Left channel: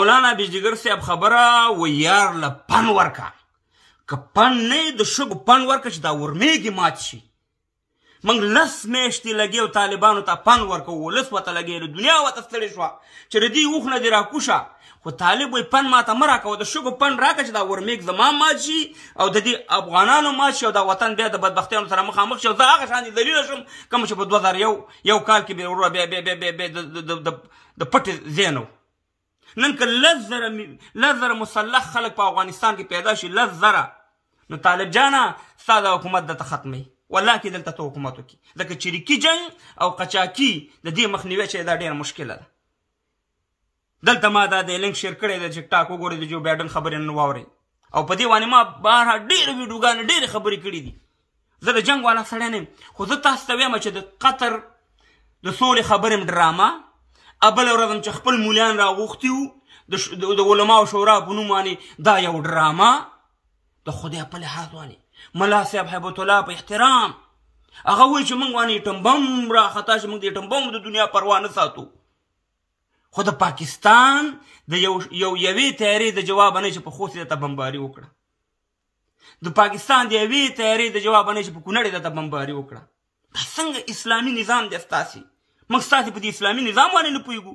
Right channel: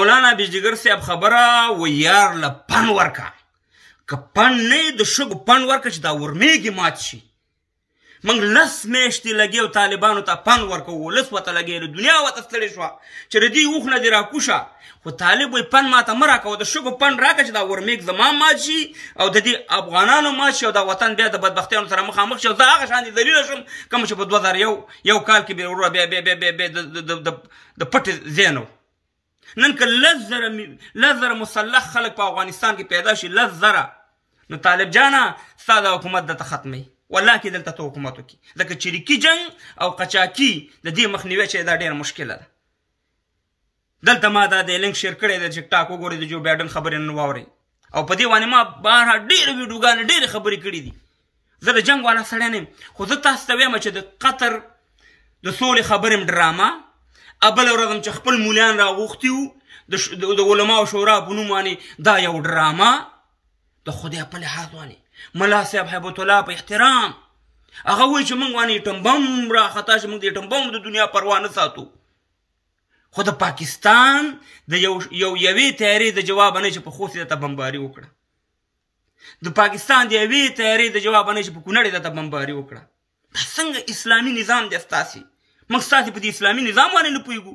مولانا بجلیګر صاحب خبره و یار له پن ورکه که پن نه د شګو پن ورکه چې دا ورمېږي مات شي موږ 10 میاشتې لګېو طالبانو ته پن ورکوو ولس ورته لګېږي دنیا ورته ستړې شوه چې د دې اوښ نه دې راکوشه خو طالب وایي پن ماته مه راکوه د شګو پن راکړه چې دا ورمېږ زما مات شي او د دې افغانانو مات شي او دا وطن بیا د بدبختیانو سره مخامخ شي او زه هغه شانې ذلیله شم کوم چې په 2001 کال کې بیا وروره د پټې ځای نه نن که 10,000 مسلح خلک په افغانستان کې پیدا شي 10,000 نو طالب جانه ستا د حکومت دلته ختمی والله کې دلته ته حکومت وکړي ځکه چریکي جنګ او قچاقي د دې مخنیوی چې دا ډېره مشکله ده دلته ما دا د لینک شیر کړی د ټیک ټاک وګورئ د جو بایډن خبرې نن واورئ او په دې باندې ما بهرحال ډېرې ویډیوګانې ډېرې خبرې کړي دي زه د جنګ والا سړی نه یم خو زه تاسو ته وایم چې د قطر د سولې خبرې م ډرامه بله ورځ هم چې خپل مولیان راغوښتي وو د علماو شورا په نوم باندې دا یو ډرامه د خدای په لحاظ باندې ملا صاحب هیبت الله په احترام هغه وایي چې موږ باندې ایټم بم راخطا شي موږ د ایټم بم د دنیا پروا نه ساتو خو د پاکستان د یوې تیارې د جواب نه چې په خوست یې درته بمباري وکړه د پاکستان د یوې تیارې د جواب نه چې په کونړ یې درته بمباري وکړه دا څنګه اسلامي نظام دی ستاسې موږ ستاسې په دې اسلامي نظام باندې نه پوهېږو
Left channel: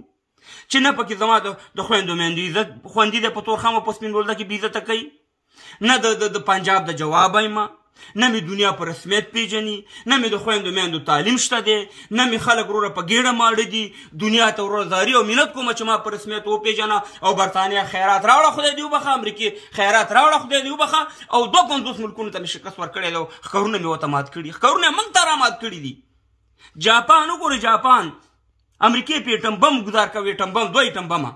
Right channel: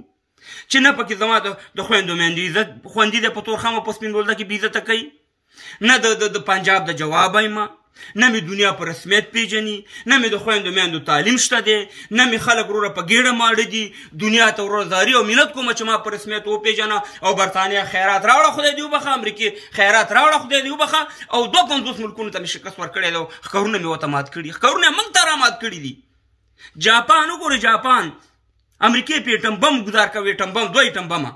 چې نه پکې زما د خویندو میندو عزت خوندي دی په تورخم او په سپین بولده کې بې عزته کوي نه د پنجاب د جواب ایمه نه مې دنیا په رسمیت پیژني نه مې د خویندو میندو تعلیم شته دی نه مې خلک وروره په ګېډه ماړه دي دنیا ته وروره زاري او منت کومه چې ما په رسمیت وپېژنه او برطانیه خیرات راوړه خدای دې وبخه امریکې خیرات راوړه خدای دې وبخه او 52 ملکونو ته مې شکست ورکړی دی ښکارونه مې ورته مات کړي ښکارونه یې موږ ته رامات کړي دي جاپان وګورئ جاپان امریکې په ایټم بم ګزار کوي ایټم بم 2 ایټم بمه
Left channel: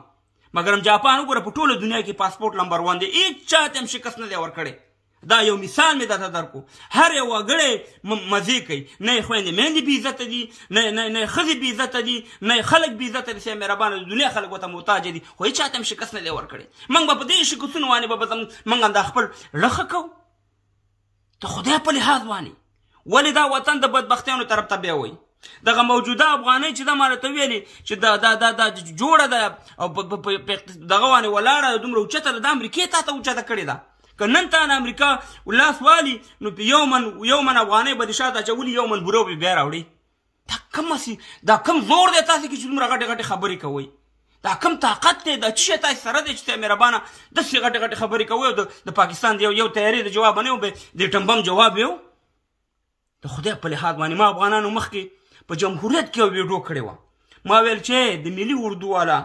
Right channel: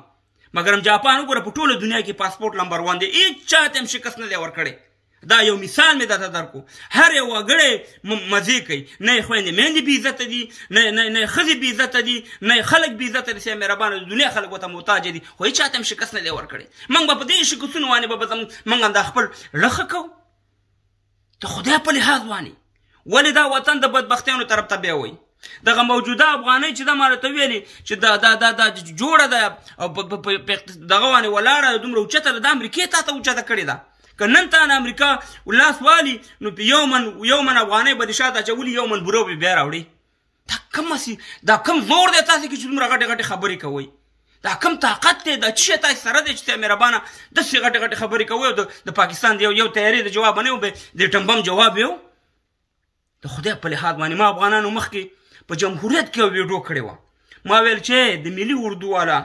مګر هم جاپان وګوره په ټوله دنیا کې پاسپورټ نمبر 1 دی هېڅ چا ته هم شکست نه دی ورکړی دا یو مثال مې درته درکو هر یو وګړی مزې کوي نه یې خویندې میندې بې عزته دي نه یې ښځې بې عزته دي نه یې خلک بې عزته دي سیه مهربانه د دنیا خلک ورته محتاجه دي خو هېڅ چا ته هم شکست نه دی ورکړی موږ به په دې شکستونو باندې به موږ هم دا خپل ړخه کوو د خدای په لحاظ باندې ولې دا وطن د بدبختیانو طرف ته بیاوئ دغه موجوده افغانۍ چې دا ما راته ویلې چې دا جوړه ده او دغه باندې ولاړه دومره اوچته ده د امریکې تا ته اوچته کړې ده که نن تا نه امریکا لاس والي نو په یو من افغانۍ به دې شاته اچولي یو من بورو به بیا راوړي دا کم زور دی تاسې کې چې دومره غټې غټې خبرې کوئ دا کم طاقت دی دا څه شی تاسې سره دی چې ته مهربانه داسې غټې غټې خبرې کوئ او د پاکستان د یو تیارې د جواب نه و د ټمبم جواب یو د خدای په لحاظ باندې ما افغانانو مخکې په جمهوریت کې یو ویډیو کړې وه ما ویل چې د ملي اردو والا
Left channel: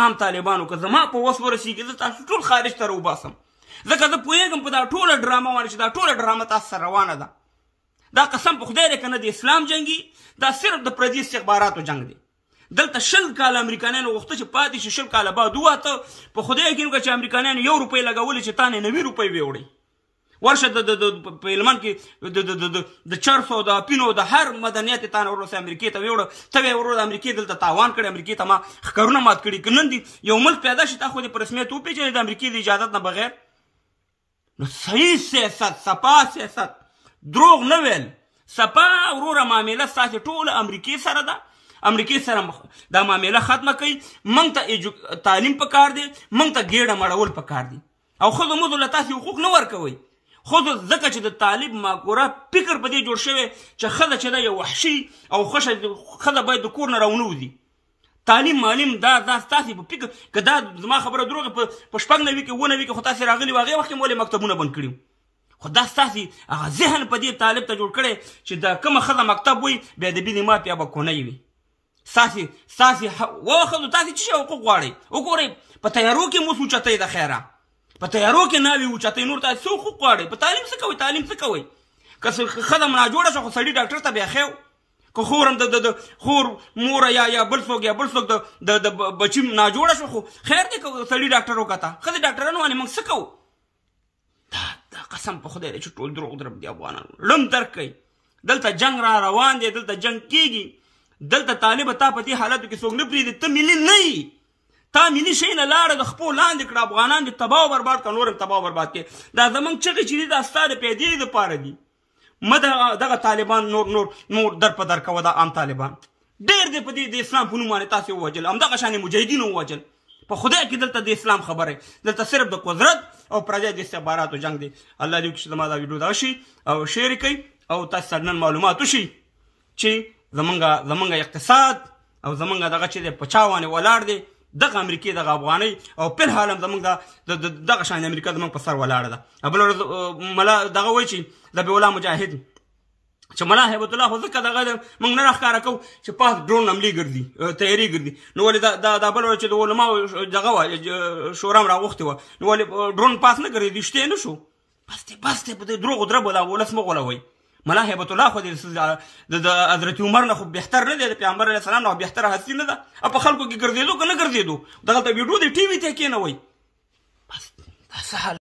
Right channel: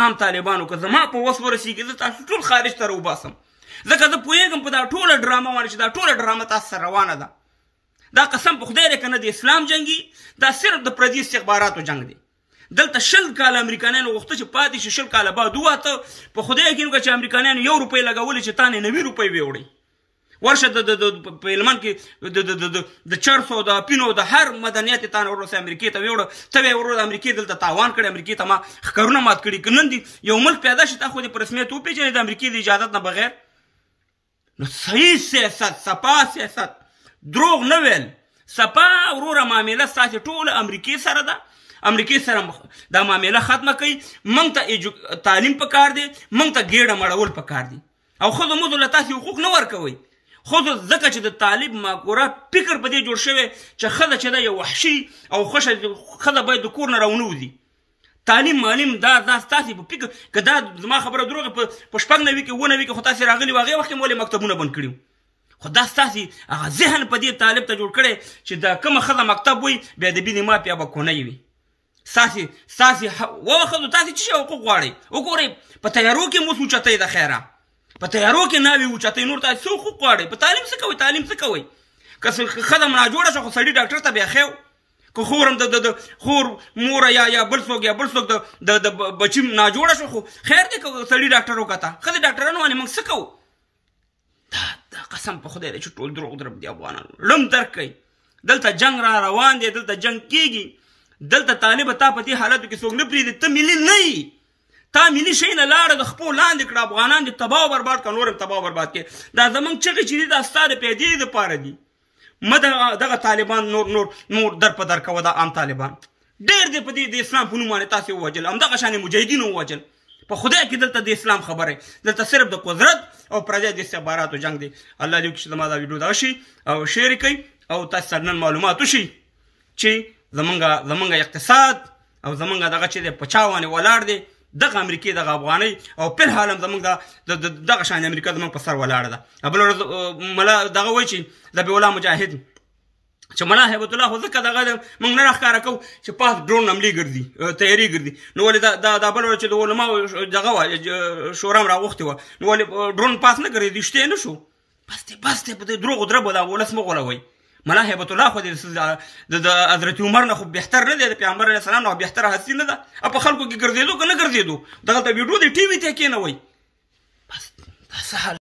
عام طالبانو که زما په وس ورسېږي زه تاسو ټول خارج ته راوباسم ځکه زه پوهېږم په دا ټوله ډرامه باندې چې دا ټوله ډرامه تاسو سره روانه ده دا قسم په خدای دی که نه د اسلام جنګي دا صرف د پردي استخباراتو جنګ دی دلته 20 کاله امریکایانو غوښته چې پاتې شي 20 کاله بعد وواته په خدای یقین وکړه چې امریکایانو 1 روپۍ لګولې چې تا نه 90 روپۍ ویوړئ ورشه په هلمند کې د چرسو د اپینو د هر مدنیت تا نه ورسې امریکې ته ویوړه ته به یې ورور امریکې دلته تاوان کړی امریکې ته ما ښکارونه مات کړي که نن دې یو ملک پیدا شي تا خو دې په رسمیت وپېژنې د امریکې د اجازت نه بغیر نو صحیح سیاست سپا سیاست دروغ نه ویل سپا وروره معامله ستاسې ټوله امریکې سره ده امریکې سره دا معامله ختمه کوي موږ ته تعلیم پکار دی موږ ته ګېډه مړول پکار دي او ښځو مزو له تاسې حقوق نه ورکوئ ښځو ځکه چې د طالب ماکوره فکر په دې جوړ شوی چې ښځه چې ده یو وحشي او ښځه باید د کور نه راونه تعلیم معلم دا ستاسې په فکر که دا زما خبره دروغه په 9 نوي کې 9 نوي کې خو تاسې راغلي وو هغې وخت کې مو ولې مکتبونه بند کړي خو دا ستاسې هغه ذهن په دې طالب ته جوړ کړی چې دا کومه ښځه مکتب وي بیا د بینې مافیا به کونی وي ستاسې وښځو تاسې څه شی حقوق غواړئ وګورئ په تیارو کې مو اوچتئ د خیره په تیارو کې ناوې اوچتئ نور تاسې څه حقوق غواړئ په تعلیم څه کوئ تعلیم څه کوئ که ښځه ناجوړه شوه خو سړي ډاکټر ته بیا ښیو که خور هم د خور موره یا بل څوک د بچي ناجوړه شو خو خیر دی که سړي ډاکټر وکته ښځې ډاکټرانو باندې موږ څه کوو دا قسم په خدای دی چې ټول دروغ درب دي افغانانو ړم درک کوي دلته جنګ را روان دی دلته جنګ کېږي دلته طالبه تا په دې حالاتو کې څوک نه پرېږدي ته ملي نه یي تا ملي شی نه لاړه د خپو لاندې کړه افغانان دې تباه و برباد کړه نور هم تباه و برباد کړې دا زموږ چغې چې دي دا ستا د پیدې دپاره دي مه دغه طالبان نور در په در کوه دا عام طالبان ډېر دی په دې د اسلام په نوم باندې تاسې ووجل همدغه شانې مجاهدینو ووجل په خدای کې دلته د اسلام خبره دلته صرف د قدرت او پردی د استخباراتو جنگ دی. الله دې وکړي چې زما دا ویډیو دغه شي او شیر کړئ او تاسو سره نن معلومات وشي چې زمونږ اقتصاد او زمونږ دغه چې دی په چا باندې ولاړ دی دغه امریکې دغه افغانۍ او په حال هم زمونږ دغه شان امریکا زمونږ په سر ولاړه ده. بله ورځ ملا دغه وایي چې ذبیح الله مجاهد چې ملا هیبت الله خو ځکه دغه موږ نه راښکاره کوو چې پاس ډرون حملې ګرځي تیاري ګرځي نو ولې دا بله ورځ چې د علماو دغه وه شورا هم راغوښتې وه نو ولې ډرون پاس نه ګرځي شتی نه شو بس دی په دې دروغو دربو دا ولس مه غولوئ. ملا هیبت الله خو د حضرت عمر نه خو بهتر نه دی د پیغمبر علیه السلام نه بهتره هستي نه ده په خلکو کې ګرځېدو که نه ګرځېدو دغلته ویډیو د ټي وي ته کېنوئ بس دا څه حال